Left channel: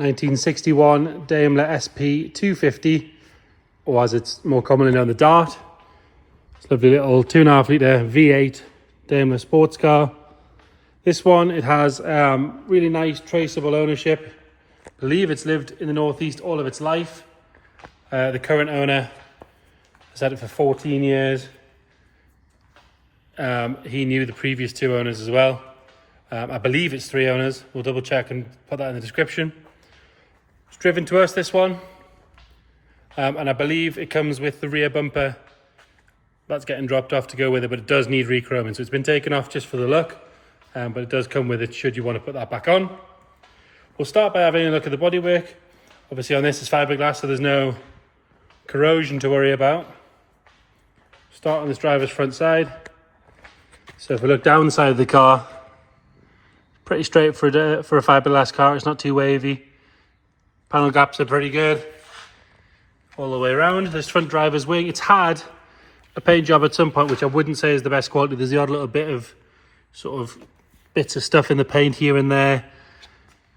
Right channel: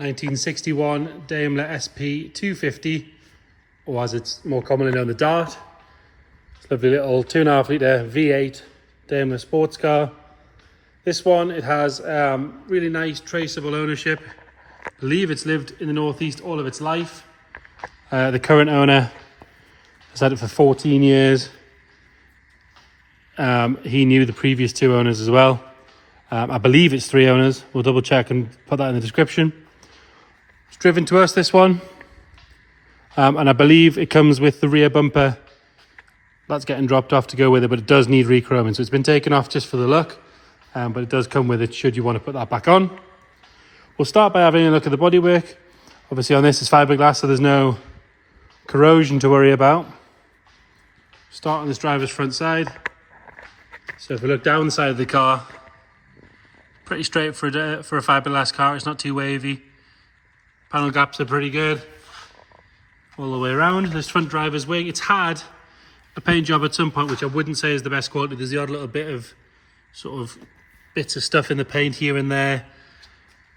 1961 Daimler SP250, or as it's more commonly known, the Dart. It's a lovely little 2.5 litre V8 Daimler sports car. This one, it has really nice traceable ownership. I believe it's lived in the Northeast all of its life. The current owner has had it for 14 years. He knew the previous 2 owners as well. I believe it's 3 owners. We'll double check and put that in the description. It's driven to us, this one. And I believe it comes with the rear bumper. That's getting dropped off to go with it, but it does need re-chroming. So it's been taken off just for the look, but it does come with it should you want to put that back on. We'll start by having a look at the bodywork. Obviously on this is fiberglass, so there's no corrosion to worry about. Start on this driver's front side. So if we look down the side of the car, pretty straight for a fiberglass car. It's not too wavy. Panel gaps are pretty good all the way around. This front driver's wing, it's had a paint job at some point, which I wouldn't say is the best quality. There's the odd little bit of sort of bits of stuff in the paint here and there.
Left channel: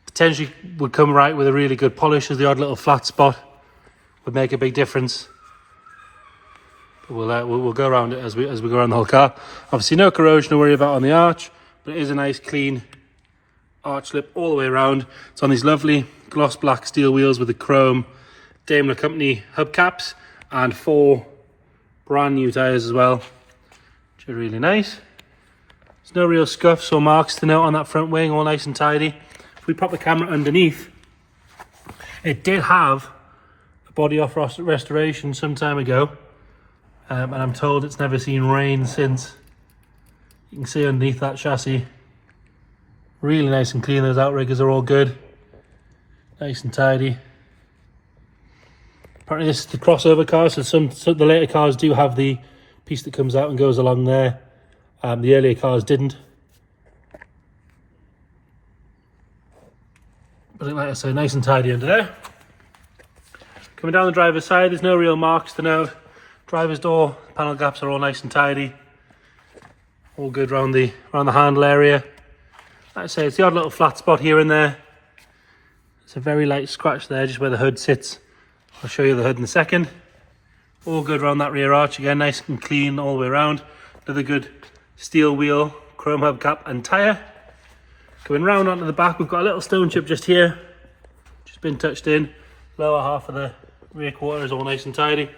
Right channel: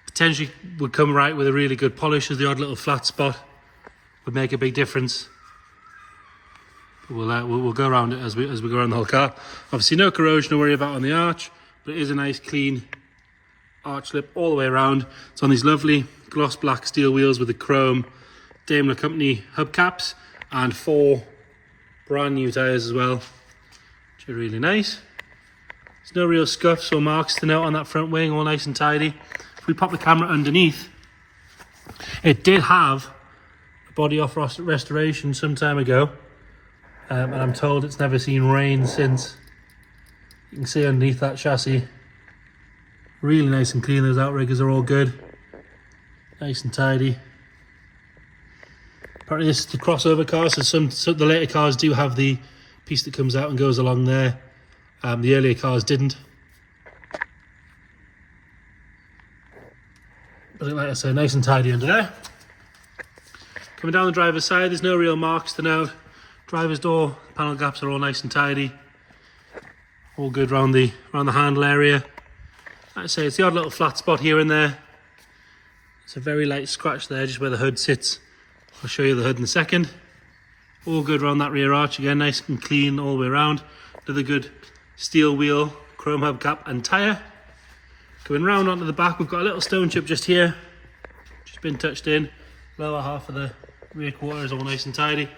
Potentially would come right with a really good polish, as the odd little flat spot would make a big difference. But we'll go around it as we go around the whole car. Obviously no corrosion to worry about on the arch, but it is a nice clean arch lip all the way around. It's on these lovely gloss black steel wheels with the chrome Daimler company hubcaps and 4 brand new tyres as well, which are really nice. There's no real scuffs or marks to note on that front wing, all nice and tidy. If we pop the camera underneath, it did have a body off restoration some time ago, and I'm told it's never seen rain since. You can see underneath that chassis, really nice and clean. Those outriggers are all good, nice and tidy. Apparently this is the crossover car, so some the later cars do have the piece that comes out and goes along there. The earlier cars didn't. But like I say, nice and tidy under there. Coming down the driver's side, there's no real marks to note. Driver's door, panel gaps are all nice and tidy. All good around the handle area. Like I say, it's the odd little flat spot here and there. It's a very light scratch there, just where the hood sits. I'll show you the hood in a second. All good around that rear arch, again nice and clean all the way around. Another good steel wheel, chrome hubcap and tyre. Going round onto the back, we've got a little stone chip just here, just been touched in. Lower half of the rear quarter is all nice and tidy.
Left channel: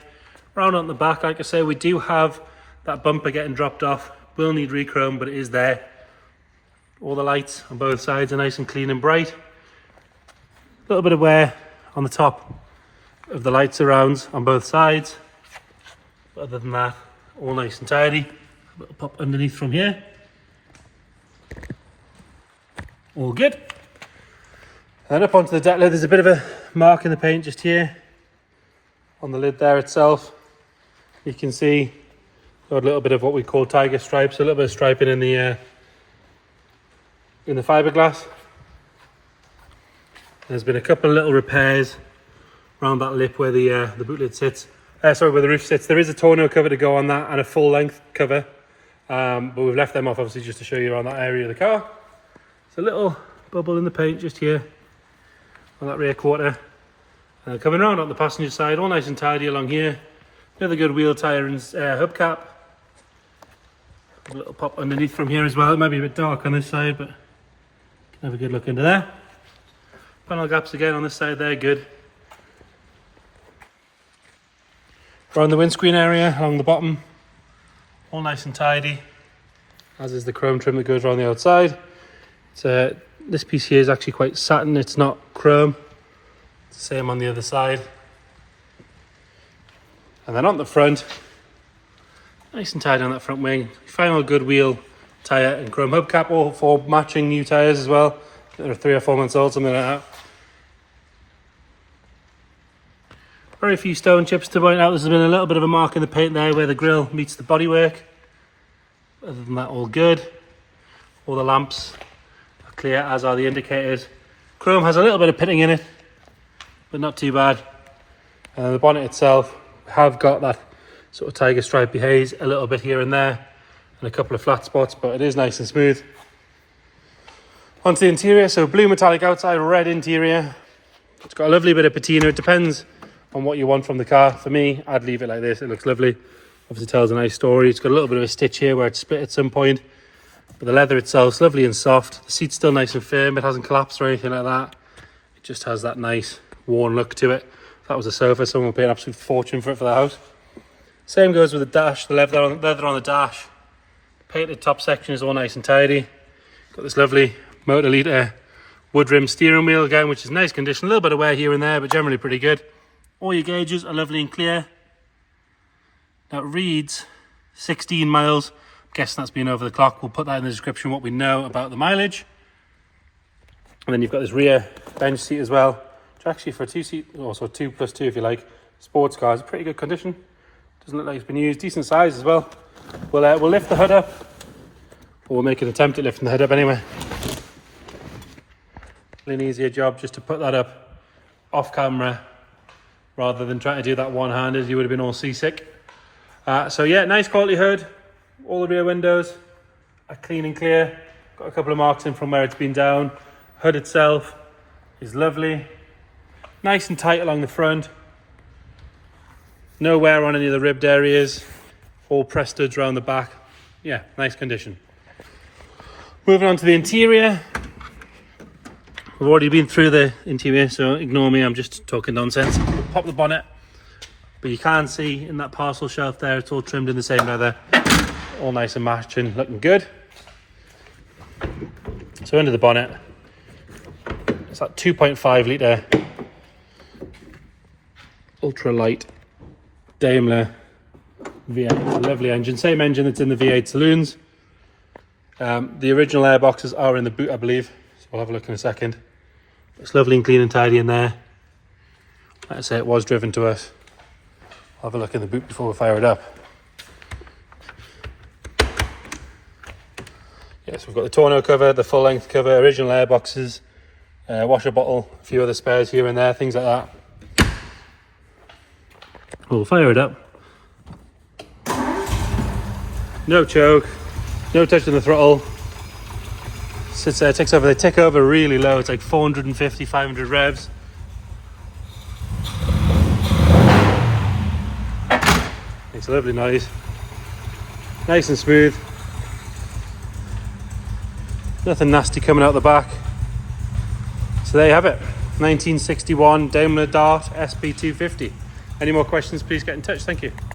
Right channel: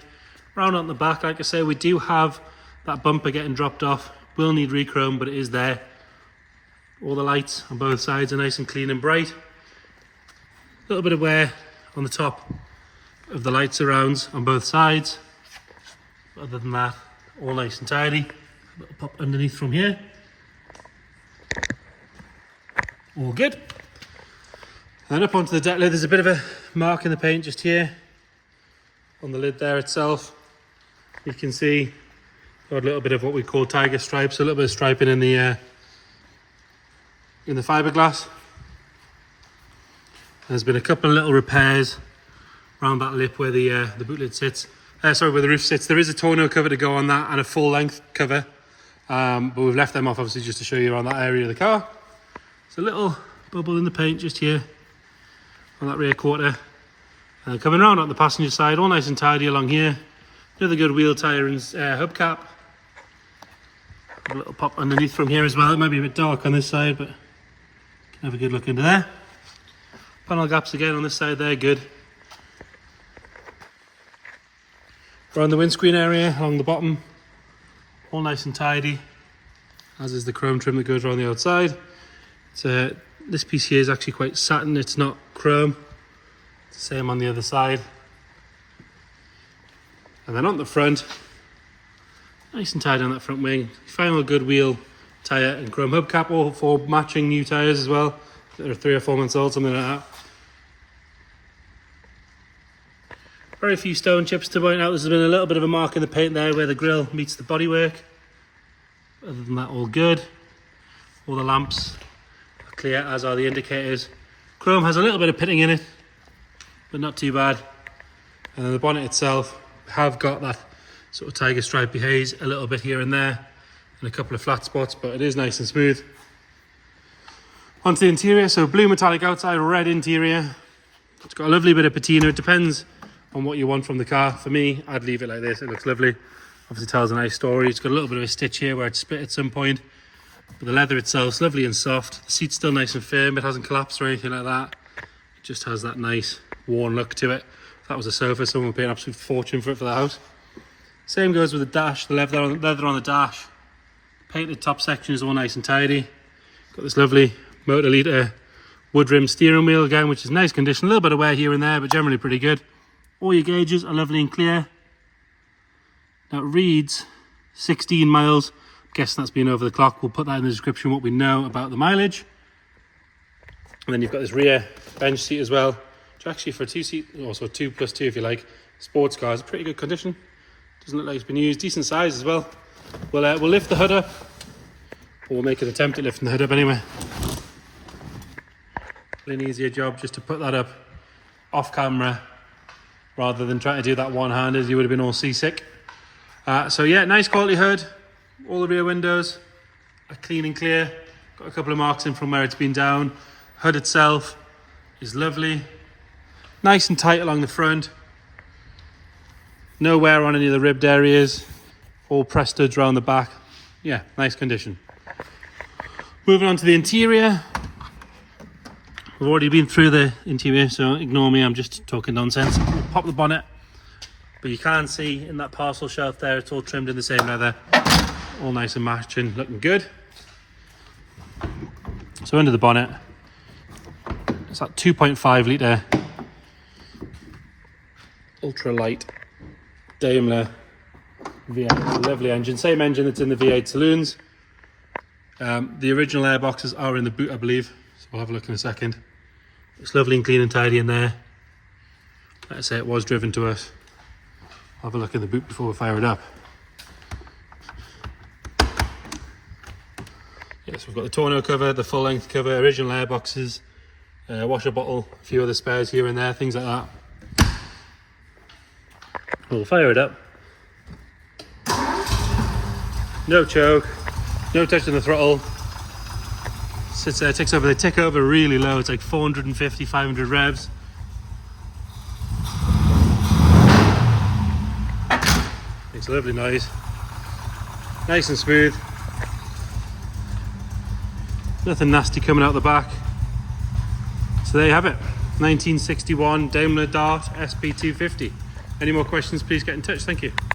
Round on the back, like I say, we do have that bumper getting dropped off. Will need re-chrome, but it is there. All the lights on both sides are nice and clean and bright. A little bit of wear on the top of the light surrounds on both sides. But other than that, all nice and tidy. A little pop underneath from here. All good. And up onto the deck lid, there's a bit of a mark in the paint just here on the lid there itself. You can see got a little bit of what we call tiger stripes, a little bit of striping in the fiberglass. There's been a couple of little repairs around that lip where the boot lid sits. Where the roof sits. There is a tonneau cover to go on that and a full length cover, but we've left them off obviously just to show you around that area of the car. It's a little bubble in the paint just here on that rear quarter. Coming around on the passenger side, all nice and tidy along here. Another good wheel tyre and hubcap. A little pop underneath from here as well. It might be a bit dark on this side, but you can have a good look into there. Panel gaps again on this side there, good. Around the windscreen area, along the bottom, all nice and tidy, as is the chrome trim that goes around the outside. This piece here is actually quite satin, it's not chrome. It's the same on the other side. And then on the front, nice and tidy on that front wing. Final good wheel tyre and chrome hubcap, all 4 matching new tyres as well. They're 3 or 4 months old, something like that. Very few stone chips to point out. There's been a little bit of a mark in the paint there where the grille meets the bodywork. Other than that, all good. All the lamps are clear, as are the indicators. Chrome has a little bit of pitting in it, but not too bad. And the bonnet itself, we have got that sort of tiger stripy haze a little bit here and there, and a couple of flat spots, but it is nice and smooth. Onto the interior, so blue metallic outside, red interior. It's got a lovely bit of patina. It depends on what you want from the car. For me, I'd leave it like this. It looks lovely. Obviously tells a nice story. It's got a little bit of a stitch here where it's split at some point. But the leather itself is lovely and soft. The seat's still nice and firm. It hasn't collapsed or anything like that. It just has that nice worn look to it. If that was a sofa, someone would pay an absolute fortune for it for the house. Same goes with the dash. The leather on the dash. Painted top section is all nice and tidy. Got this lovely motor liter wood rim steering wheel again, which is nice condition. A little bit of wear here and there, but generally pretty good. All your gauges are lovely and clear. Now it reads 16 miles. I'm guessing that's been over the clock. We'll put that in the description, what we know about the mileage. And then you've got this rear bench seat as well, which actually for a 2-seat, also 2+2 if you like, sports car is pretty good condition. Doesn't look like it's been used. Decent size as well. We'll lift the hood up. Or we'll make an attempt at lifting the hood up anyway. An easier job just to put that up off camera rather than trying to do that one-handed. You would have been all seasick. So yeah, nice quality hood. All the rear windows are clean and clear. Got a couple of marks in from where it's been down. Hood itself is lovely. Nice and tight along the front. No wear on any of the ribbed areas. All press studs around the back. Yeah, nice condition. Moving on to the interior. We've already been through the interior, so ignore me, I'm just talking nonsense. We'll pop the bonnet, but you can see in that parcel shelf there, it's all trimmed in the same leather. All nice and matching, looking good. So under the bonnet, it's that 2.5 litre ultra-light Daimler V8. It's a lovely engine, same engine that's in the V8 saloons. The original airboxes are in the boot, I believe. We'll have a look in a second. It's lovely and clean and tidy in there. Like I say, it was driven to us. I'll have a look in the boot before we fire it up. Yes, we've got the tonneau cover, the full length cover, original airboxes, washer bottle, a few other spares here and there, things like that. We'll fire it up. No choke, no touching the throttle. Sits there, takes over, they tick over really low. It's like 450, 500 revs. Makes a lovely noise. Nice and smooth. Nothing nasty coming out the back. So there you have it. 1961 Daimler Dart SP250. Any more questions, please get in touch. Thank you.